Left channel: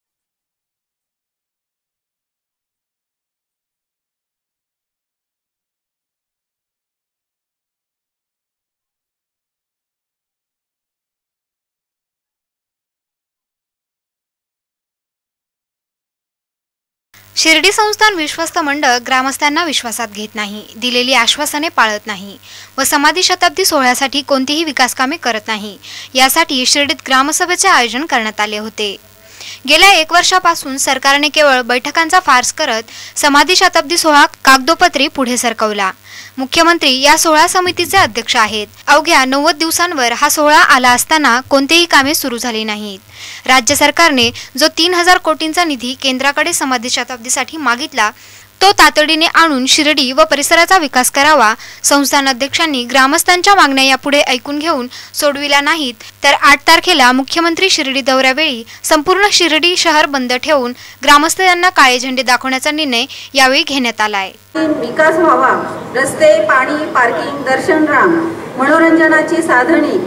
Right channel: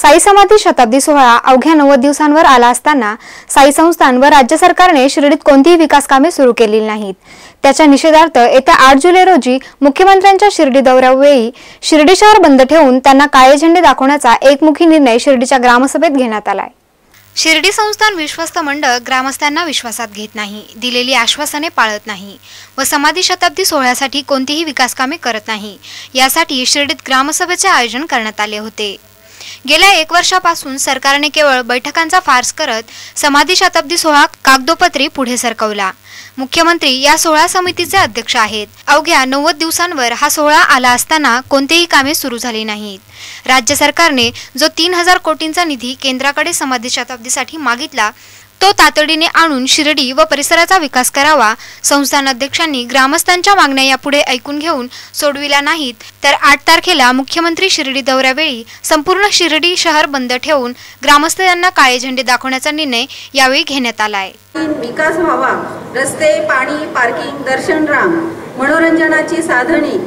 साई समाधी शताब्दी सोहळा अवघ्या नव्वद दिवसांवर आला असताना साई संस्थान व राज्य सरकारने शिर्डीत कोणतीही विकास कामे सुरू केलेली नाहीत. त्याच्या निषेधार्थ येत्या आठ जुलै रोजी मुख्यमंत्र्यांच्या शिर्डी दौऱ्यावेळी शिर्डी शहर बंद ठेवून त्यांना काळे झेंडे दाखवण्याचा एकमुखी निर्णय शिर्डीच्या ग्रामसभेत घेण्यात आलाय. शिर्डी संस्थान विश्वस्त मंडळ ग्रामस्थांना विश्वासात घेत नाही दिलेली आश्वासने पाळत नाही व समाधी शताब्दी सोहळ्यासाठी कोणतीही विकास कामे करत नाही. यासाठी शिर्डीत ग्रामसभेचे आयोजन करण्यात आले होते. गेल्या एक वर्षापासून सरकारने केवळ बैठकांचा फार्स करत समाधी शताब्दी सोहळा कागदोपत्री पुढे सरकवला. मुख्यमंत्री या सोहळा समितीचे अध्यक्ष आहेत. अवघ्या नव्वद दिवसांवर हा सोहळा आला असताना कोणतेही कामे सुरू झाली नाहीत. राज्य सरकारने जो तीन हजार कोटींचा निधी केंद्राकडे समाधी शताब्दीसाठी मागितला तो तातडीने आणून शिर्डी व परिसराचा विकास करावा. संस्थान अध्यक्षांनी ग्रामस्थांच्या मागण्या यापुढे ऐकून घेऊन सोडविल्या नाहीत. तर आठ तारखेला मुख्यमंत्री शिर्डी दौऱ्यावेळी संपूर्ण शिर्डी शहर बंद ठेवून ग्रामस्थ यांना काळे झेंडे दाखवण्याचा निर्णय यावेळी घेण्यात आला आहे. विकास व्हावा रस्ते पाणी पार्किंग दर्शन राम मनोरंजनाची साधने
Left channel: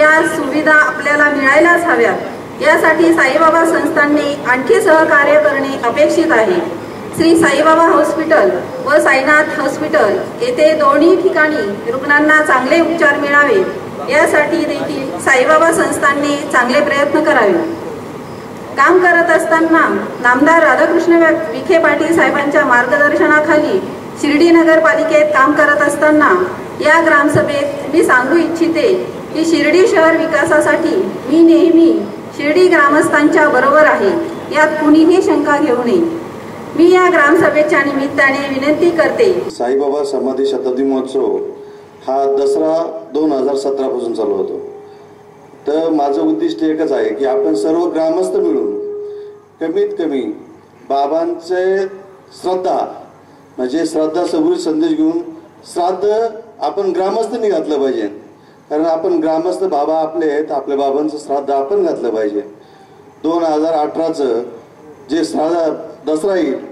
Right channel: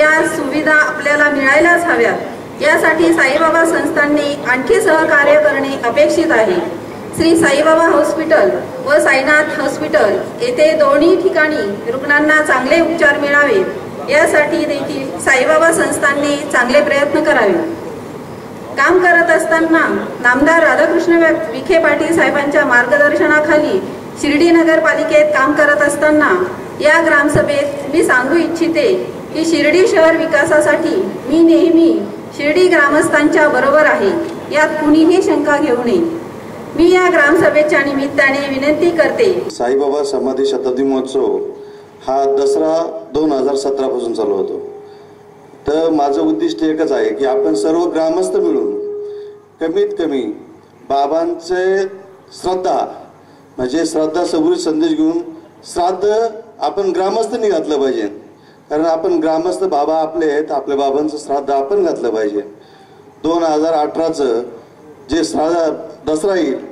या सुविधा आपल्याला मिळायलाच हव्यात. यासाठी साईबाबा संस्थांनी आणखी सहकार्य करणे अपेक्षित आहे. श्री साईबाबा हॉस्पिटल व साईनाथ हॉस्पिटल येथे दोन्ही ठिकाणी रुग्णांना चांगले उपचार मिळावेत यासाठी देखील साईबाबा संस्थांनी चांगले प्रयत्न करावे. काम करत असताना नामदार राधाकृष्ण विखे पाटील साहेबांच्या मार्गदर्शनाखाली शिर्डी नगरपालिकेत काम करत असताना या ग्रामसभेत मी सांगू इच्छिते की शिर्डी शहर विकासासाठी मी नेहमी शिर्डी ग्रामस्थांच्या बरोबर आहे. यात कुणीही शंका घेऊ नये. मी या ग्रामसभेच्या निमित्ताने विनंती करते. साईबाबा समाधी शताब्दी महोत्सव हा दसरा दोन हजार सतरापासून चालू होतो. तर माझं उद्दिष्ट एकच आहे की आपण सर्व ग्रामस्थ मिळून कमीत कमी बाबांचे श्रद्धा म्हणजे श्रद्धा सबुरी संदेश घेऊन श्राद्ध आपण ग्रामस्थांनी घातलं पाहिजे. कारण आपण ग्रामस्थ बाबा आपले आहेत आपल्या बाबांचं श्राद्ध आपण घातलं पाहिजे. दोन हजार अठराचं जे श्राद्ध दसरा येईल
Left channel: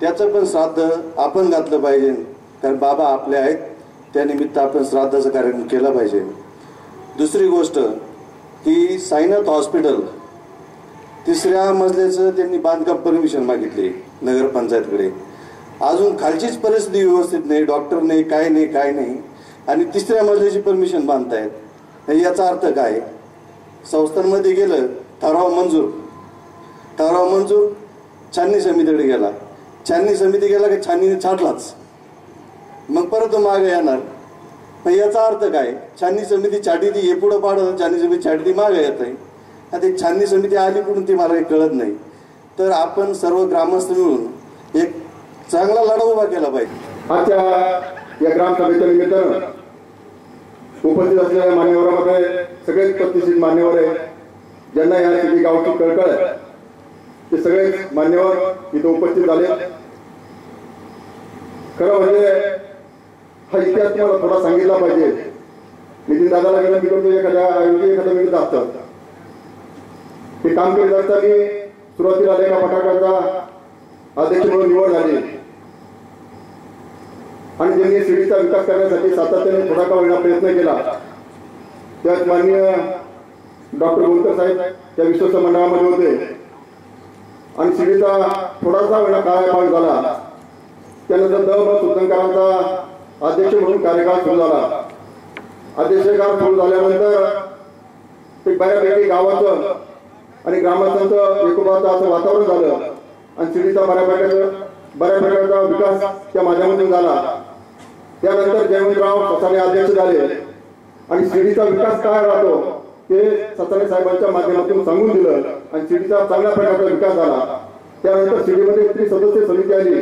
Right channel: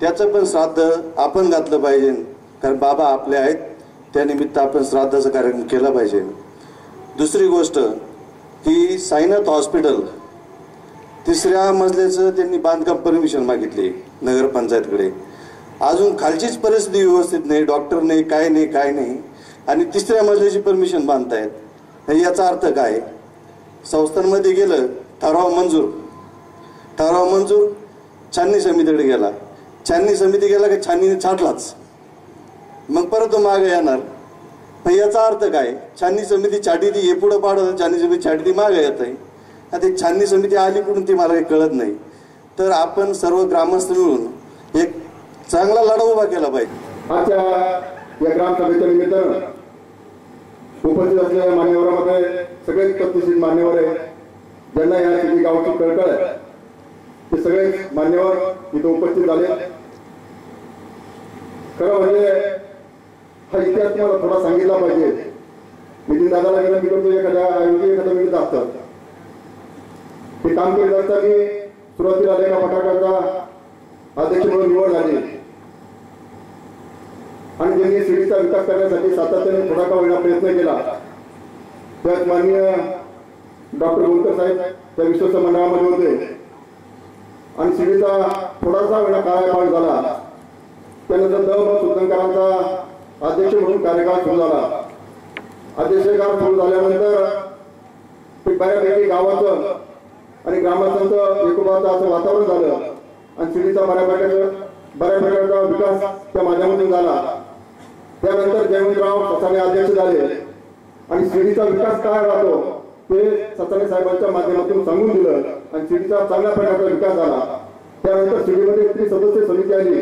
त्याचं पण श्राद्ध आपण घातलं पाहिजे. कारण बाबा आपले आहेत त्यानिमित्त आपण श्राद्धाचा कार्यक्रम केला पाहिजे. दुसरी गोष्ट की साईनाथ हॉस्पिटल तिसऱ्या मजल्याचं त्यांनी बांधकाम परमिशन मागितली नगरपंचायतकडे. अजून खालचीच परिस्थिती व्यवस्थित नाही डॉक्टर नाही काय नाही काय नाही. आणि तिसऱ्या मजल्याची परमिशन बांधतायत याचा अर्थ काय? संस्थांमध्ये गेलं ठराव मंजूर. ठराव मंजूर छाननी समितीकडे गेला. छाननी समिती गेला की छाननीने छाटलाच. मग परत तो मागे येणार. मग याचा अर्थ काय? छाननी समिती छाटी ती हे पुढं पाडत छाननी समिती छाटी ती मागे येत आहे आता छाननी समिती आली कुठून ती मला काही कळत नाही. तर आपण सर्व ग्रामस्थ मिळून एक चांगला लढा उभा केला पाहिजे. आजच्या या ग्रामसभेच्या निमित्तानं उपस्थित असलेल्या मान्यवरामध्ये सगळेच प्रतिष्ठित मान्यवर आहे ज्यांना या सिटी गावची कळकळ आहे. ते सगळे मान्यवर इथं उपस्थित झाले. खरं म्हणजे हा इतिहास तुम्हाला थोडा सांगितला पाहिजे. नितीन दादाला विनंती करतो एखाद्या ऐवजी एखाद्या मिळत असतं हे काम करीत असताना सुरुवातीला लेखा पटाकाचा अध्यक्ष म्हणून निवड झाली. आणि ज्यांनी सिटीचा विकास करण्यासाठी सातत्याने थोडा का वेळा प्रयत्न केला. त्यात माननीय डॉक्टर गोलकर साहेब त्या विश्वस्त मंडळामध्ये होते. आणि सिटीचा थोडासा वेळा काळापाठ झाला. त्यानंतर द ब अध्यक्ष म्हणून कार्यकाळ सुरू झाला. अध्यक्षकाळ सुरू झाल्यानंतर ते बऱ्यापैकी गावाचं आणि ग्रामस्थांचं एकोबाचं असं वातावरण झालं. आणि शिर्डीचा बऱ्यापैकी प्रकारचा विकास त्या माध्यमातून झाला. त्यानंतर जयवंतराव ससाने अध्यक्ष झाले. आणि शिर्डीचा विकास काय राहतो ते ससाने साहेबांच्या माध्यमातून सांगून दिलं. आणि शिर्डीचा चांगल्या प्रकारचा विकास झाला. त्यानंतर शिर्डीमध्ये एक सदस्य समिती आली.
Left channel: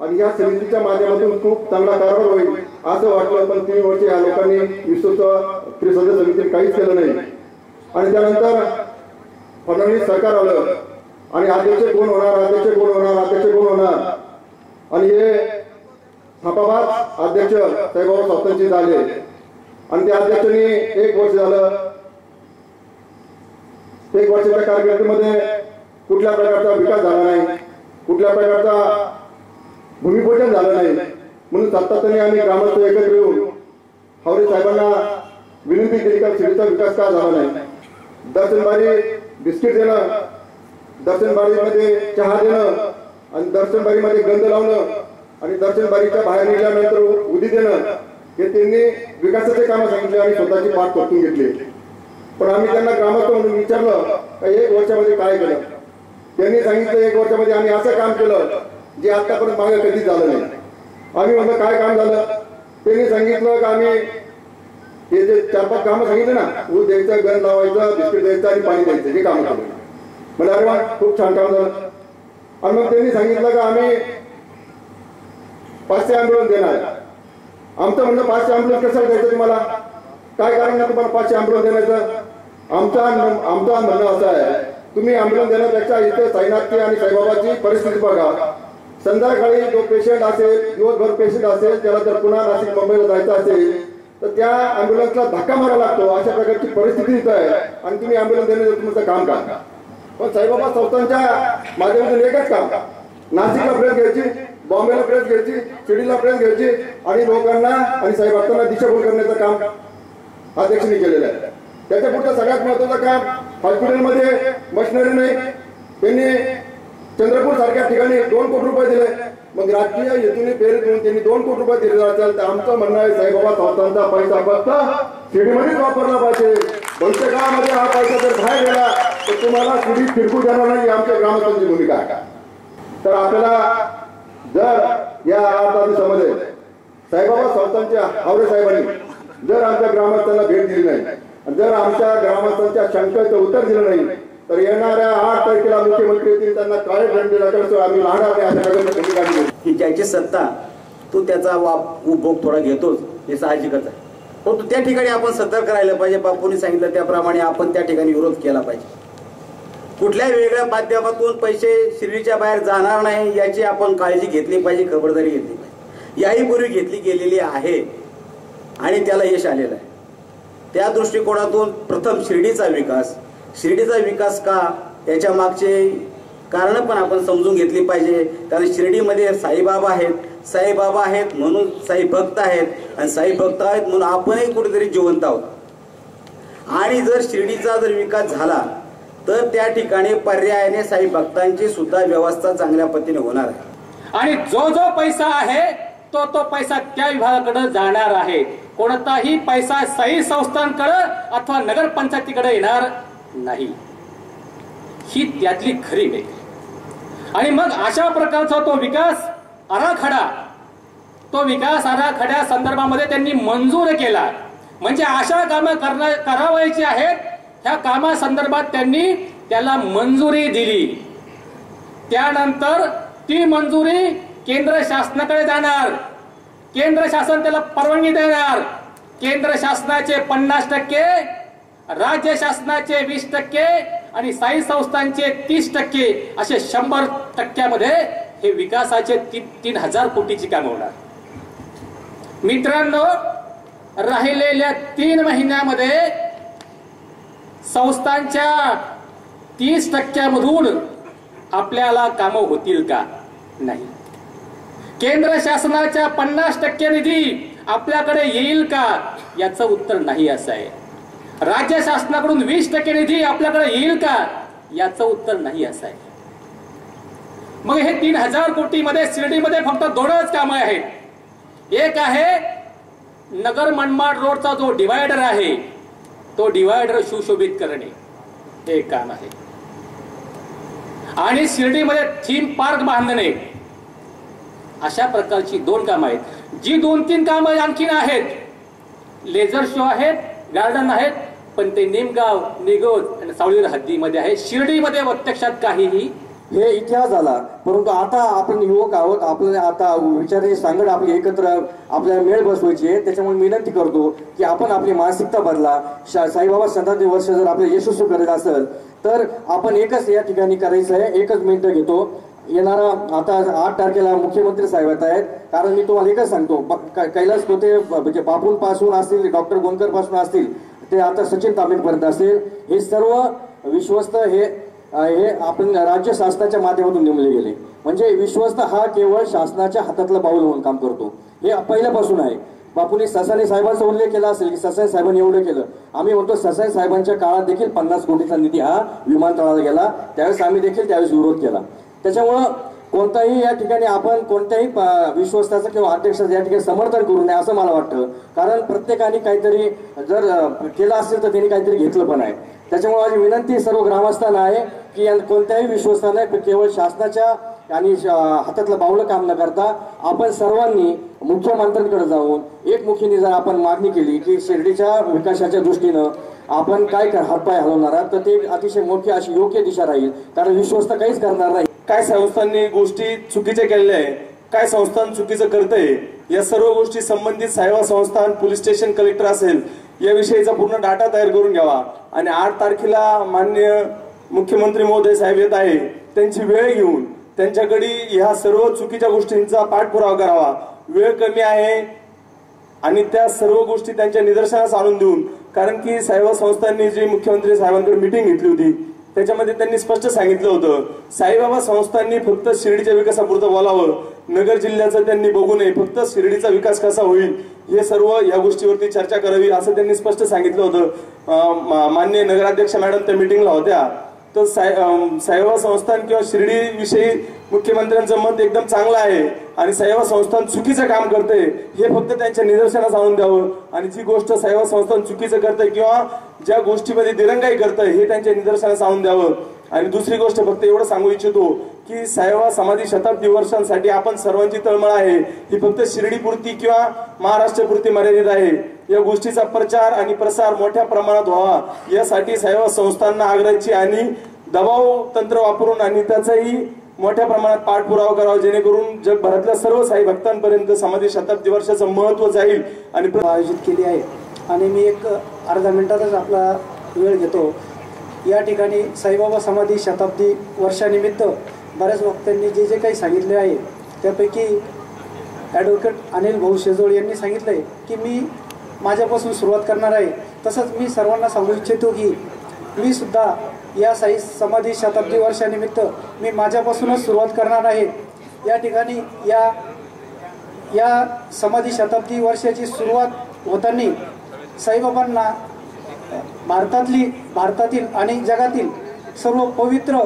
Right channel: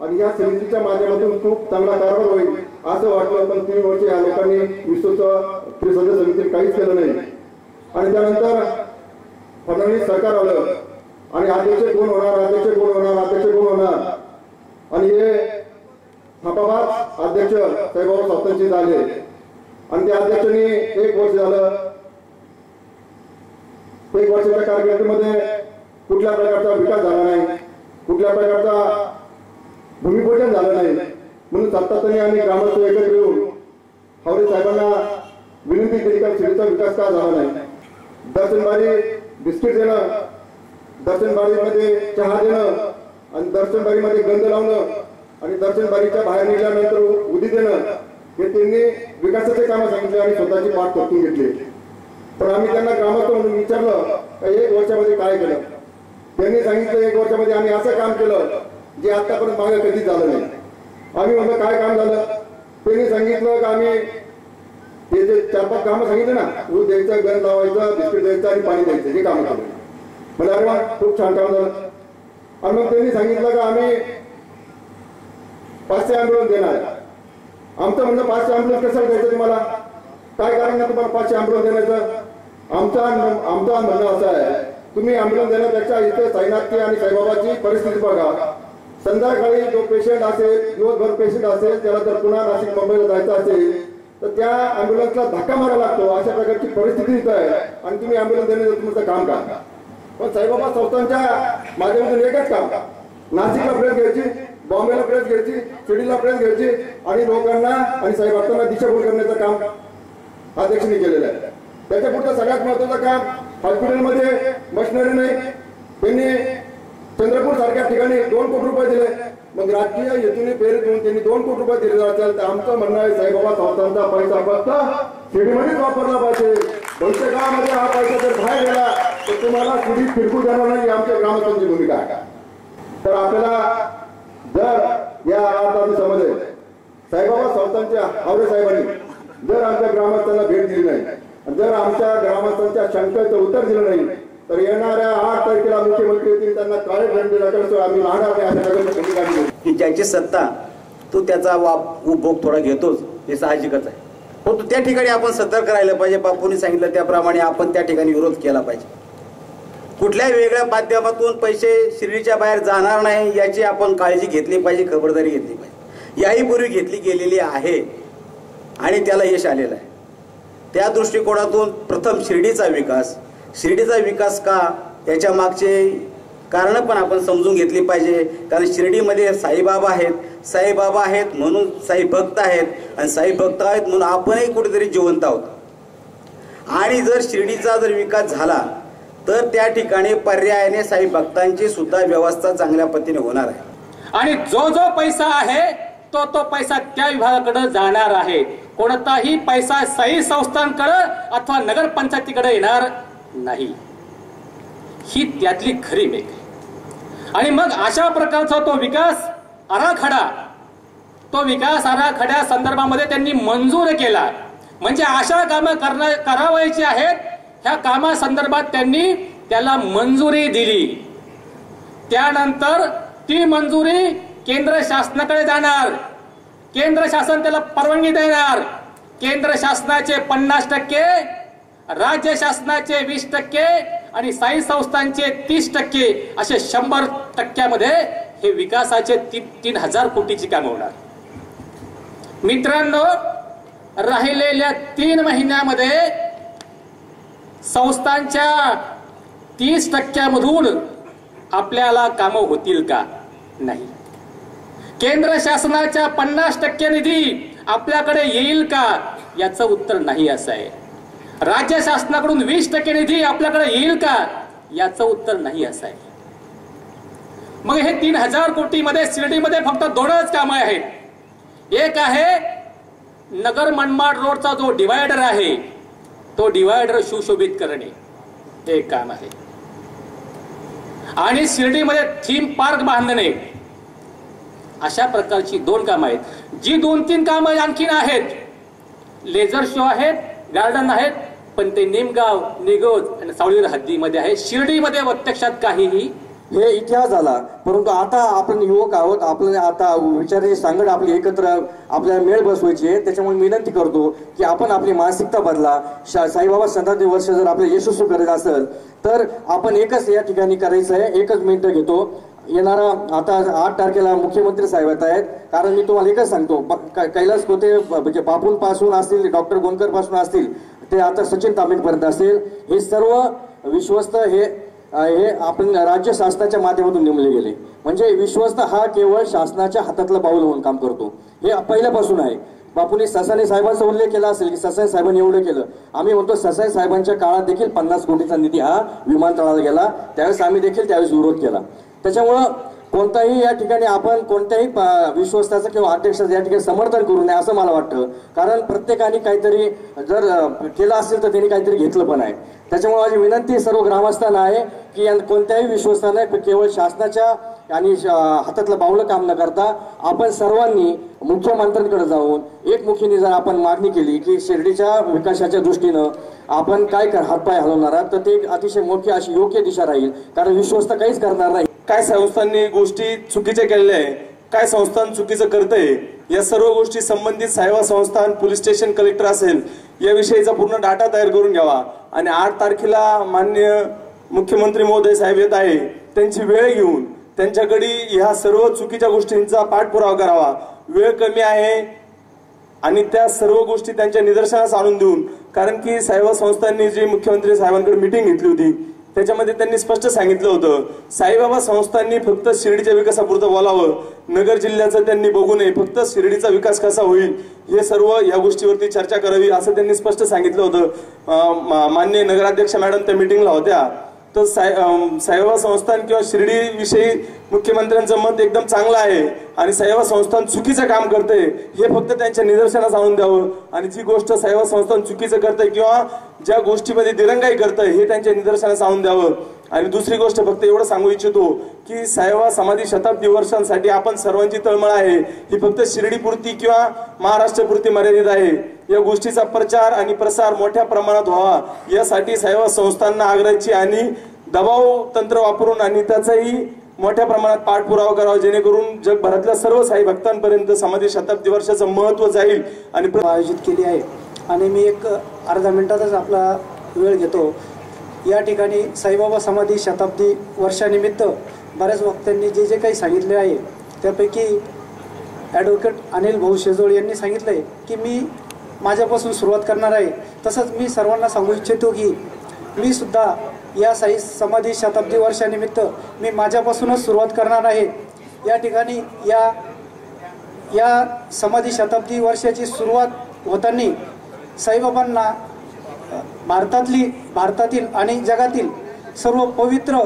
आणि या समितीच्या माध्यमातून खूप चांगला कारभार होईल असं वाटलं पण तीन वर्ष या लोकांनी विश्वच त्रिसदस्य समितीने काहीच केलं नाही. आणि त्यानंतर फडणवीस सरकार आलं. आणि अध्यक्ष कोण होणार अध्यक्ष कोण होणार अध्यक्ष कोण होणार? आणि हे थापाबाद अध्यक्ष साईबाबा स्वतःचे झाले. आणि त्या अध्यक्षांनी एक वर्ष झालं एक वर्षाच्या कारकिर्दीमध्ये कुठल्या प्रकारचा विकास झाला नाही कुठल्या प्रकारचा भूमिपूजन झालं नाही. म्हणून सातत्याने आम्ही ग्रामस्थ एकत्र येऊन हावरे साहेबांना विनंती केली का शिर्डीचा विकास का झाला नाही. दर्शनबारी बिस्किट देणं दर्शनबारीमध्ये चहा देणं आणि दर्शनबारीमध्ये गंध लावणं आणि दर्शनबारीच्या बाहेर निघल्यानंतर उदी देणं हे त्यांनी विकासाचे कामं सांगितले आणि स्वतःची पाठ परतून घेतली. पण आम्ही त्यांना ग्रामस्थ म्हणून विचारलं का एक वर्षामध्ये काय केलं? त्यांनी सांगितलं एक वर्षामध्ये आम्ही असं काम केलं जे आतापर्यंत मागे कधीच झालं नाही. आम्ही म्हणलं काय काम झालं? त्यांनी सांगितलं का आम्ही हे जे चार पाच कामं सांगितले ना ऊस द्यायचं गण लावायचं बिस्किट द्यायचं आणि पाणी द्यायचं हे कामं केलं. म्हणजे अरे वा खूप छान काम झालं. आणि मग त्यांनी सांगितलं का आम्ही पाचशे अँब्युलन्स देणार. आमचं म्हणणं पाचशे अँब्युलन्स कसं द्यायचं तुम्हाला? काय कारण नाही तुम्हाला पाचशे अँब्युलन्स देण्याचं? आमचा आमचा म्हणणं असं आहे तुम्ही अँब्युलन्स देण्यापेक्षा इथे साईनाथची आणि साईबाबाची परिस्थिती बघा. संध्याकाळी जो पेशंट असेल दिवसभर पेशंट असेल त्याला जर पुन्हा नाशिक मुंबईला जायचं असेल तर त्या अँब्युलन्सला धक्का मारावा लागतो. अशा प्रकारची परिस्थिती इथं आहे. आणि तुम्ही अँब्युलन्स देण्याचं तुमचं काम का पण साईबाबा संस्थांच्या माध्यमातून एकच काम. नाशिकला भेट घ्यायची बॉम्बेला प्रेस घ्यायची सिडीला प्रेस घ्यायची आणि लोकांना आणि साईबाबांना दिशाभूल करण्याचं काम अध्यक्षांनी केलेलं आहे. त्याच्या पुढचं सगळ्यात महत्वाचं काम हॉस्पिटलमध्ये मशिनरी नाही. त्यांनी चंद्रपूर सारख्या ठिकाणी दोन कोटी रुपये दिले. मग राजकीय हेतूने प्रेरित होऊन त्यांनी दोन कोटी रुपये दिले असेल तर आमचं म्हणणं आहे साईबाबा संस्थांचा पैसा फक्त शिडीमध्येच वापरला पाहिजे. भविष्य काळामध्ये हा पैसा जर बाहेर गेला तर तुम्हाला शिडी फिरकू देणार नाही आमच्या ग्रामस्थांची भूमिका आहे. तर आपल्याला जर या आठ दहा दिवसामध्ये साईबाबा संस्थांच्या हावरे साहेबांनी जर आमच्या ग्रामस्थांना भेट दिली नाही आणि जर आमच्या ग्रामस्थांच्या शंकेचं उत्तर दिलं नाही तर येणाऱ्या आठ तारखेला मुख्यमंत्री येतील त्यांना काळे दंड टाकल्याशिवाय आम्ही राहणार नाही अशा की ज्याची सत्ता तो त्याचा वाप उपभोग थोडा घेतोच हे साहजिकच आहे. परंतु त्या ठिकाणी आपण सतर्क राहिलं पाहिजे बापूंनी सांगितलं त्याप्रमाणे आपण त्या ठिकाणी विरोध केला पाहिजे. कुठल्याही वेगळ्या माध्यमातून पैसे शिर्डीच्या बाहेर जाणार नाही याची आपण काळजी घेतली पाहिजे खबरदारी घेतली पाहिजे. याही पूर्वी घेतली गेलेली आहे आणि त्याला यश आलेलं आहे. त्या दृष्टिकोनातून प्रथम शिर्डीचा विकास शिर्डीचा विकास का याच्या मागचे कारण पण आपण समजून घेतली पाहिजे. कारण शिर्डीमध्ये साईबाबा आहेत साईबाबा आहेत म्हणून साई भक्त आहेत आणि साई भक्त आहेत म्हणून आपणही कुठेतरी जिवंत आहोत. आणि जर शिर्डीचा जर विकास झाला तर त्या ठिकाणी पर्यायाने साई भक्तांची सुद्धा व्यवस्था चांगल्या पद्धतीने होणार आहे. आणि जो जो पैसा आहे तो तो पैसा त्या विभागाकडे जाणार आहे. कोणताही पैसा साई संस्थांकडे अथवा नगरपंचायतीकडे येणार नाही. ही त्यातली खरी मेघ आणि मग अशा प्रकारचा तो विकास आराखडा तो विकास आराखड्या संदर्भामध्ये त्यांनी मंजूर केला. म्हणजे अशा कामं करणं करावायची आहेत ह्या कामासंदर्भात त्यांनी त्याला मंजुरी दिली. त्यानंतर ती मंजुरी केंद्र शासनाकडे जाणार. केंद्र शासन त्याला परवानगी देणार. केंद्र शासनाचे पन्नास टक्के राज्य शासनाचे वीस टक्के आणि साई संस्थांचे तीस टक्के असे शंभर टक्क्यामध्ये हे विकासाचे तीन तीन हजार कोटीची कामं होणार. मित्रांनो राहिलेल्या तीन महिन्यामध्ये संस्थांच्या तीस टक्क्यामधून आपल्याला कामं होतील का? नाही. केंद्र शासनाच्या पन्नास टक्के निधी आपल्याकडे येईल का? याचं उत्तर नाही असं आहे. राज्य शासनाकडून वीस टक्के निधी आपल्याकडे येईल का? याचं उत्तर नाही असं आहे. मग हे तीन हजार कोटीमध्ये शिर्डीमध्ये फक्त दोनच कामं आहेत. एक आहे नगर मनमाड रोडचा जो डिवायडर आहे तो डिवायडर सुशोभित करणे हे एक काम आहे. आणि शिर्डीमध्ये थीम पार्क बांधणे अशा प्रकारची दोन कामं आहेत. जी दोन तीन कामं आणखीन आहेत. लेझर शो आहेत गार्डन आहेत पण ते निमगाव निगोज आणि सावळीर हद्दीमध्ये आहे. शिर्डीमध्ये प्रत्यक्षात काहीही हे इतिहास झाला. परंतु आता आपण युवक आहोत आपण आता विचाराची सांगड आपली एकत्र आपल्याला मेळ बसवायची आहे. त्याच्यामुळे विनंती करतो की आपण आपली मानसिकता बदला. शा साईबाबा शताब्दी वर्ष जर आपलं यशस्वी करायचं असेल तर आपण एकच या ठिकाणी करायचं आहे. एकच मिनिटं घेतो. येणारा आता आठ तारखेला मुख्यमंत्री साहेब येत आहेत. कारण मी तुम्हाला एकच सांगतो कैलास कोते म्हणजे बापूंपासून असतील डॉक्टर गोंदकरपासून असतील ते आता सचिन तांबेपर्यंत असेल हे सर्व विश्वस्त हे हे आपण राज्य शासनाच्या माध्यमातून नेमले गेले. म्हणजे विश्वस्त हा केवळ शासनाच्या हातातला पाऊल होऊन काम करतो. हे पहिल्यापासून आहे. बापूंनी ससाने साहेबांचा उल्लेख केला असेल की ससाने साहेबांनी एवढं केलं. आम्ही म्हणतो ससाने साहेबांच्या काळात देखील पन्नास कोटीचा निधी हा विमानतळाला गेला. त्यावेळेस आम्ही देखील त्यावेळेस विरोध केला. त्याच्यामुळं कोणताही या ठिकाणी आपण कोणत्याही प- विश्वस्ताचं किंवा अध्यक्षाचं या ठिकाणी समर्थन करू नये असं मला वाटतं. कारण प्रत्येकाने काहीतरी जर केलं असेल तर त्यांनी काहीतरी घेतलं पण आहे. त्याच्यामुळे माझी विनंती सर्व ग्रामस्थांना आहे की या कोणत्याही विश्वस्तानं केवळ शासनाच्या आणि श- हातातलं बावलं काम न करता आपण सर्वांनी मुख्यमंत्र्यांकडे जाऊन एकमुखीने जर आपण मागणी केली की शिर्डीच्या विकासाच्या दृष्टीनं आपण काय कर हातपाय हलवणार आहात तर ते अतिशय मोठी अशी योग्य दिशा राहील. कारण विश्वस्त काहीच करणार नाही. काय संस्थांनी गोष्टी चुकीच्या केलेल्या आहे काय संस्थान चुकीचं करतंय? या सर्व गोष्टी संबंधित साहेबा संस्थान पोलीस स्टेशन कलेक्टर असेल याविषयीचा पूर्ण डाटा तयार करून घ्यावा. आणि आठ तारखेला मान्य मुख्यमंत्री महोदय साहेब येत आहे त्यांची वेळ घेऊन त्यांच्याकडे ह्या सर्व चुकीच्या गोष्टींचा पाठपुरावा करावा. वेळ कमी आहे आणि त्या सर्व गोष्टी त्यांच्या निदर्शनास आणून देऊन कारण की साहेब संस्थांनी जी मुख्यमंत्री साहेबांकडे मिटिंग घेतली होती त्याच्यामध्ये त्यांनी स्पष्ट सांगितलं होतं साईबाबा संस्थांनी फक्त शिर्डीच्या विकासापुरतं बोलावं नगर जिल्ह्याचं त्यांनी बघू नये फक्त शिर्डीचा विकास कसा होईल हे सर्व या गोष्टीवरती चर्चा करावी असं त्यांनी स्पष्ट सांगितलं होतं. मान्य मा- नगराध्यक्ष मॅडम त्या मिटिंगला होत्या. तर साई साईबाबा संस्थान किंवा शिर्डी विषयी मुख्यमंत्र्यांचं मत एकदम चांगलं आहे आणि साईबाबा संस्थान चुकीचं काम करते हे फक्त त्यांच्या निदर्शनास आणून द्यावं. आणि जी गोष्ट साईबाबा संस्थान चुकीचं करते किंवा ज्या गोष्टीमध्ये दिरंगाई करतंय हे त्यांच्या निदर्शनास आणून द्यावं. आणि दुसरी गोष्ट फक्त एवढं सांगू इच्छितो की साहेबा समाधी शताब्दी वर्षांसाठी आपण सर्वांची तळमळ आहे. ही फक्त शिर्डीपुरती किंवा महाराष्ट्रपुरती मर्यादित आहे. या गोष्टीचा प्रचार आणि प्रसार मोठ्या प्रमाणात व्हावा. यासाठी साहेबा संस्थांना आग्रहाची आणि दबाव तंत्र वापरून आणि त्याचाही मोठ्या प्रमाणात पाठपुरावा करावा जेणेकरून जगभरातल्या सर्व साई भक्तांपर्यंत समाधी शताब्दी वर्षाचं महत्त्व जाईल आणि आयोजित केली आहे. आणि मी एक अर्धा मिनिटातच आपला वेळ घेतो. या ठिकाणी साईबाबा समाधी शताब्दी वर्षानिमित्त बऱ्याच वक्त्यांनी जे जे काही सांगितले आहे त्यापैकी ॲडव्होकेट अनिल भाऊ शेजोळ यांनी सांगितलं आहे की मी माझ्यापासून सुरुवात करणार आहे. तसंच मी सर्वांना सांगू इच्छितो की मी सुद्धा या साई समाधी शताब्दी वर्षानिमित्त मी माझ्यापासूनच सुरुवात करणार आहे. या ठिकाणी या या समाधी शताब्दी वर्षाची सुरुवात होताना साईबाबांना भारतातली भारतातील आणि जगातील सर्व पवित्र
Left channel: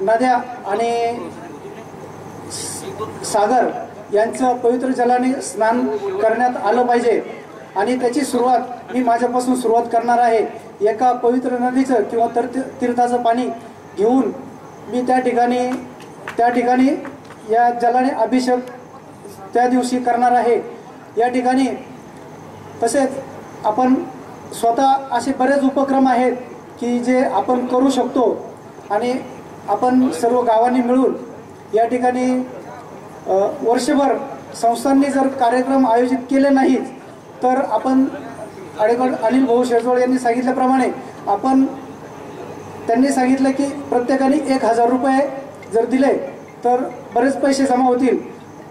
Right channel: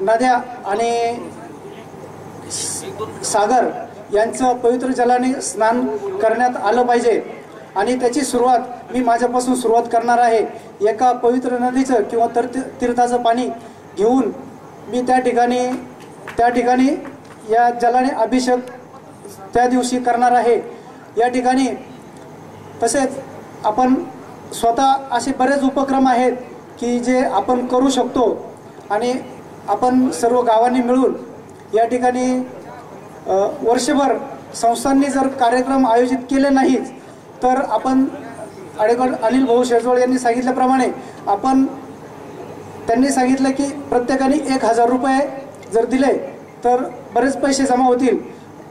नद्या आणि सागर यांचं पवित्र जलाने स्नान करण्यात आलं पाहिजे. आणि त्याची सुरुवात मी माझ्यापासून सुरुवात करणार आहे. एका पवित्र नदीचं किंवा तर तीर्थाचं पाणी घेऊन मी त्या ठिकाणी त्या ठिकाणी या जलाने अभिषेक त्या दिवशी करणार आहे. या ठिकाणी तसेच आपण स्वतः असे बरेच उपक्रम आहेत की जे आपण करू शकतो आणि आपण सर्व गावांनी मिळून या ठिकाणी वर्षभर संस्थांनी जर कार्यक्रम आयोजित केले नाहीत तर आपण अडेगड अनिल भाऊ शेजवळ यांनी सांगितल्याप्रमाणे आपण त्यांनी सांगितलं की प्रत्येकाने एक हजार रुपये जर दिले तर बरेच पैसे जमा होतील.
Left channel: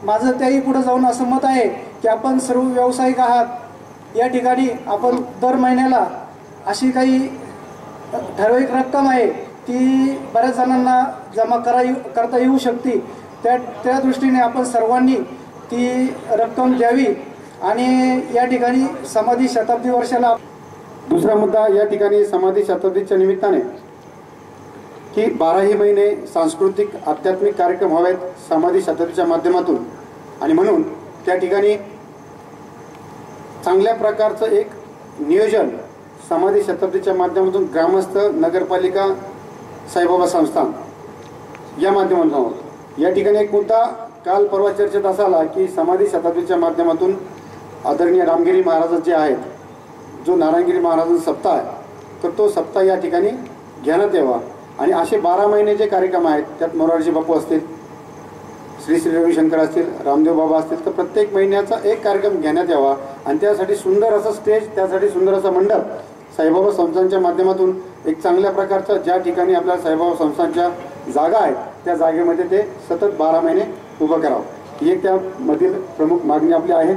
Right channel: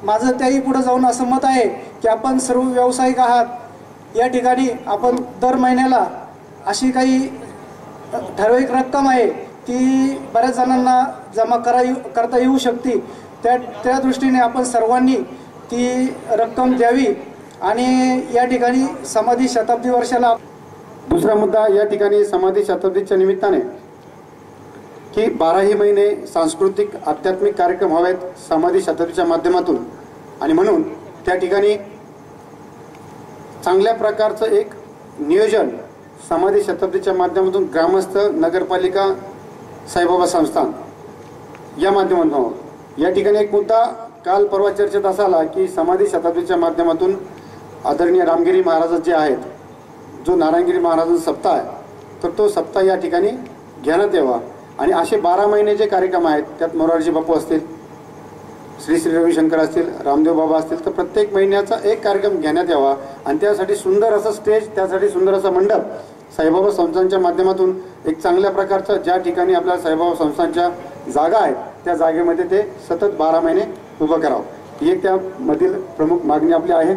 माझं त्याही पुढं जाऊन असं मत आहे की आपण सर्व व्यावसायिक आहात या ठिकाणी आपण दर महिन्याला अशी काही ठराविक रक्कम आहे ती बऱ्याच जणांना जमा करा येऊ- करता येऊ शकते. त्या त्या दृष्टीने आपण सर्वांनी ती रक्कम द्यावी आणि या ठिकाणी समाधी शताब्दी वर्षाला दुसरा मुद्दा या ठिकाणी समाधी शताब्दीच्या निमित्ताने की बाराही महिने सांस्कृतिक आध्यात्मिक कार्यक्रम व्हावेत समाधी शताब्दीच्या माध्यमातून. आणि म्हणून त्या ठिकाणी चांगल्या प्रकारचं एक नियोजन समाधी शताब्दीच्या माध्यमातून ग्रामस्थ नगरपालिका साईबाबा संस्थान या माध्यमातून व्हावं. या ठिकाणी एक मुद्दा काल परवा चर्चेत असा आला की समाधी शताब्दीच्या माध्यमातून आदरणीय रामगिरी महाराज जे आहेत जो नारायणगिरी महाराजांचा सप्ताह आहे तर तो सप्ताह या ठिकाणी घेण्यात यावा आणि असे बारा महिने जे कार्यक्रम आहेत त्यात मोरारजी बापू असतील श्री श्री रविशंकर असतील रामदेव बाबा असतील तर प्रत्येक महिन्याचा एक कार्यक्रम घेण्यात यावा. आणि त्यासाठी सुंदर असं स्टेज त्यासाठी सुंदर असं मंडप साईबाबा संस्थांच्या माध्यमातून एक चांगल्या प्रकारचं ज्या ठिकाणी आपल्या साईबाबा संस्थांच्या जागा आहेत त्या जागेमध्ये ते सतत बारा महिने उभं करावं. ही एक त्यामधील प्रमुख मागणी आपली आहे.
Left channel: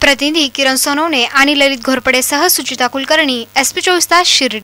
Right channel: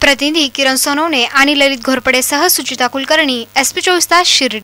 प्रतिनिधी किरण सोनवणे आणि ललित घोरपडेसह सुचिता कुलकर्णी एसपी चोवीस तास शिर्डी.